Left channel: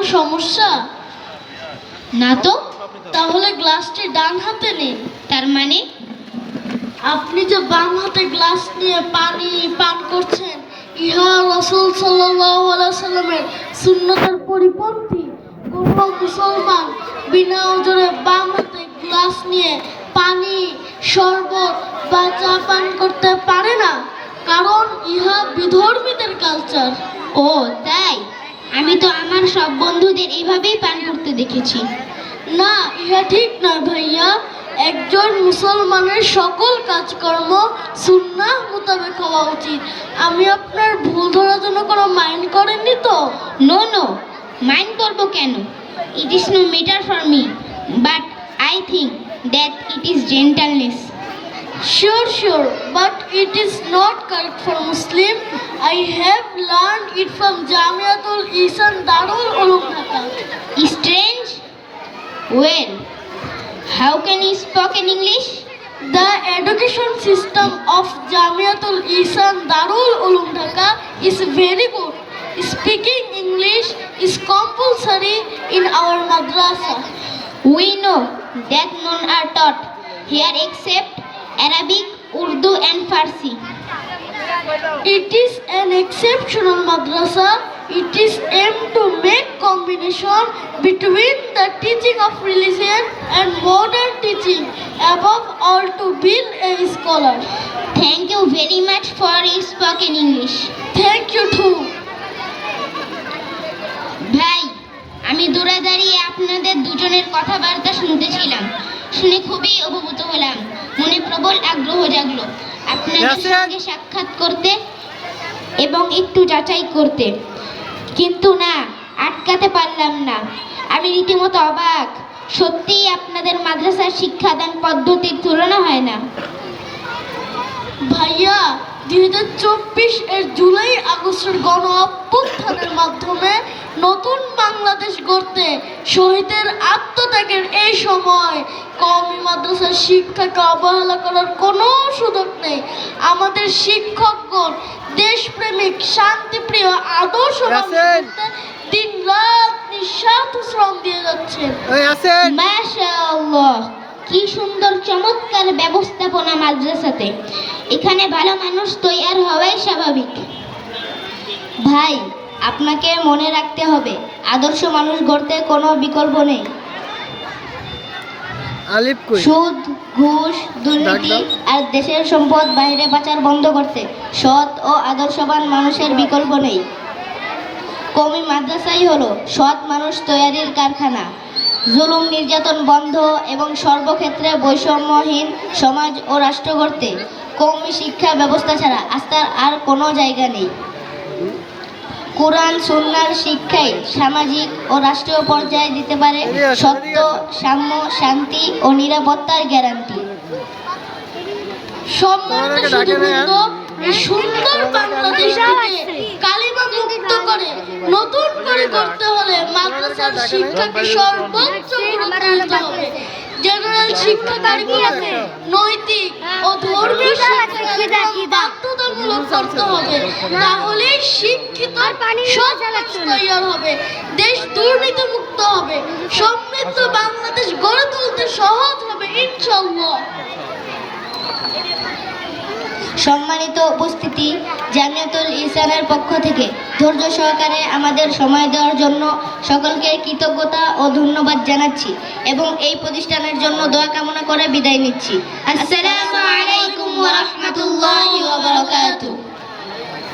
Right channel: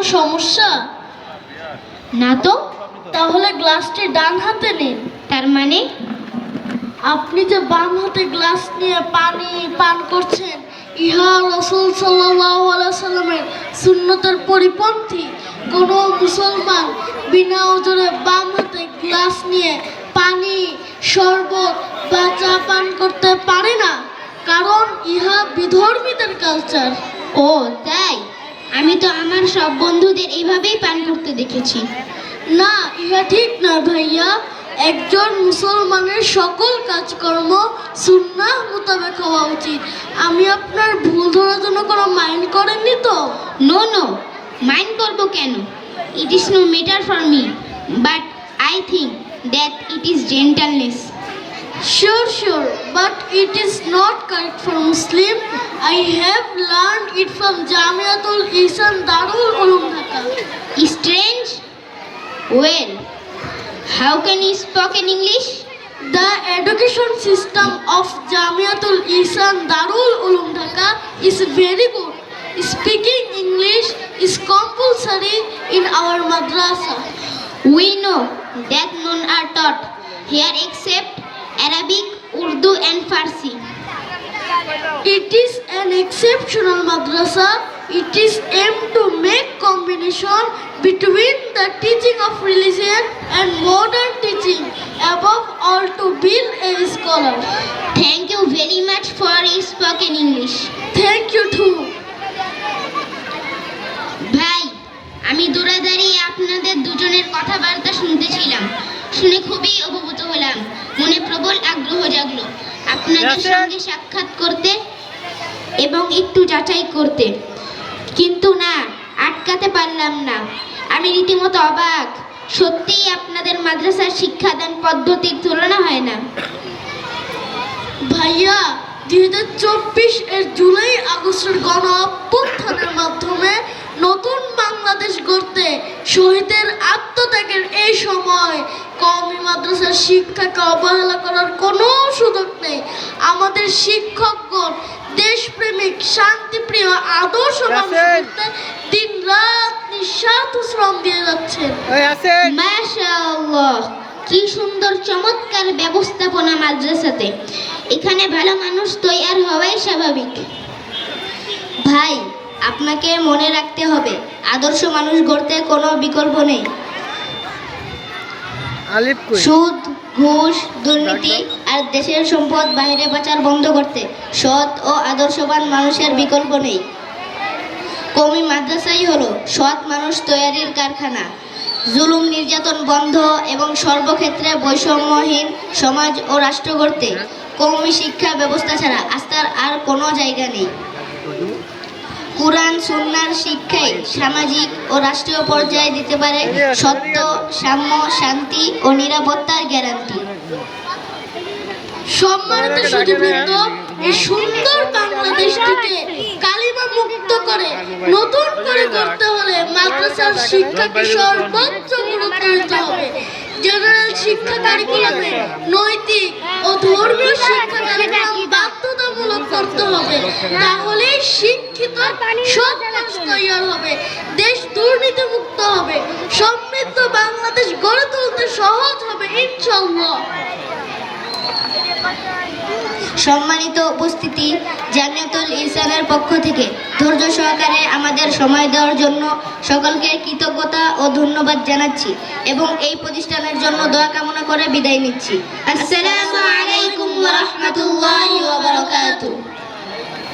কোনো সমস্যা? না তো? তাহলে গ্লাসটি ডান হাতে নিন। তার মানে? আপনি যে বাম হাতে গ্লাস নিয়ে পানি পান করছেন, ইহা রসুল সাল্লামের সুন্নতের পরিপন্থী। কোনো মুসলমান বিনা ওজনে বাম হাতে গ্লাস নিয়ে পানি, শরবত বা চা পান করতে পারে না, কারণ ইহা বিধর্মীদের কালচার ও, তাই? আমি তো আমার সব বন্ধুদের এইভাবেই পান করতে দেখেছি। না ইহা ঠিক নয় ভাইয়া। একজন মুসলমানের সকল কাজকর্ম সুন্নাহ মোতাবেক হওয়া উচিত। আমি আপনার ভুল ধরার জন্য কোনো মাইন্ড করেননি তো? নো নো মাইন্ড করব কেন? It is no matter for me but I think that it is gentleness Sure, sure, but it is not correct for Muslim. I have learned it from Jamiatul Isan Darul Ulum Dhaka. Strange? Well, how can you speak in English? The education system of Jamiatul Isan Darul Ulum Dhaka is very good. Speaking English is compulsory in our madrasa. We know that none are taught here except Arabic, Urdu and Farsi. It is an exceptional madrasa. It is aimed to make combination between the teaching of religion and modern teaching, above all to build a scholar. Thank you very much for spoken English. Thank you too. ভাই আমি দূরে দাঁড়িয়ে আপনাদের দুজনের কথাবার্তা শুনতেছিলাম শুনে খুবই অভিভূত হলাম। মনে প্রবল আগ্রহ জাগলো। আপনাদের সঙ্গে সাক্ষাৎ করতে এবং একটু যাচাই করতে। কিন্তু না আটকাতে পারলাম না। আমি রীতিমতো অবাক। সত্যিই আপনাদের মাদ্রাসার শিক্ষাদান পদ্ধতির তুলনা হয় না। ভাইয়া দুই হাজার চব্বিশ এর জুলাই আগস্টের গণ অভ্যুত্থানের মাধ্যমে নতুন বাংলাদেশ গড়তে শহীদের আত্মত্যাগের এই সময় কওমি মাদ্রাসার শিক্ষাকে অবহেলা করার কোনো সুযোগ নেই। আমাদের শিক্ষকগণ দেশপ্রেমিক শান্তিপ্রিয় আদর্শ দিন রাত নিঃস্বার্থ শ্রম দিয়ে যাচ্ছেন। মাশাআল্লাহ কি সুন্দর চমৎকার ব্যবস্থাপনা মাদ্রাসাতে। এখানে ভালো মানুষ তৈরি হওয়াই স্বাভাবিক। ভাই আপনাকে মনে রাখতে হবে আদর্শ মানুষ গড়তে কোনো বিকল্প নেই। সুদ ঘুষ দুর্নীতি আর দেশের সম্পদ বাইরে পাচার বন্ধ করতে সৎ ও আদর্শবান মানুষের বিকল্প নেই। কমি মাদ্রাসাই হলো সৎ মানুষ তৈরির কারখানা। জুলুম নির্যাতন বন্ধ এবং সর্বক্ষেত্রে বৈষম্যহীন সমাজ ও রাষ্ট্র গড়তে কৌমি শিক্ষা ব্যবস্থা ছাড়া আস্থার আর কোনো জায়গা নেই। কোরআন, সুন্নার শিক্ষাই সামাজিক ও রাষ্ট্রীয় পর্যায়ে দিতে পারে সত্য, সাম্য, শান্তি ও নিরাপত্তার গ্যারান্টি। সম্মানিত সুধীবৃন্দ, এই সুন্দর বাংলাদেশটিকে কালিমা মুক্ত করে নতুন করে করতে হলে মাদ্রাসার শিক্ষাকে সর্বোচ্চ গুরুত্ব দিতে হবে। জেনারেল শিক্ষা কারিকুলামে নৈতিক ও ধর্মীয় শিক্ষা কারিকুলাম বাধ্যতামূলক করতে হবে। তাহলেই শিক্ষিত সমাজ তৈরি হবে। দেশ দুর্নীতি মুক্ত হবে। সমৃদ্ধ বাংলাদেশ গড়ে তুলতে সহজ হবে ইনশাল্লাহ সম্মানিত উপস্থিতি জানিয়াতুল ইসানের পক্ষ থেকে ধৈর্য সহকারে আমাদের সময় দেওয়ার জন্য সকলকে কৃতজ্ঞতা ও ধন্যবাদ জানাচ্ছি এবং এই প্রতিষ্ঠানের জন্য দয়া কামনা করে বিদায় নিচ্ছি। আসসালামু আলাইকুম ওয়া রাহমাতুল্লাহি ওয়া বারাকাতুহু।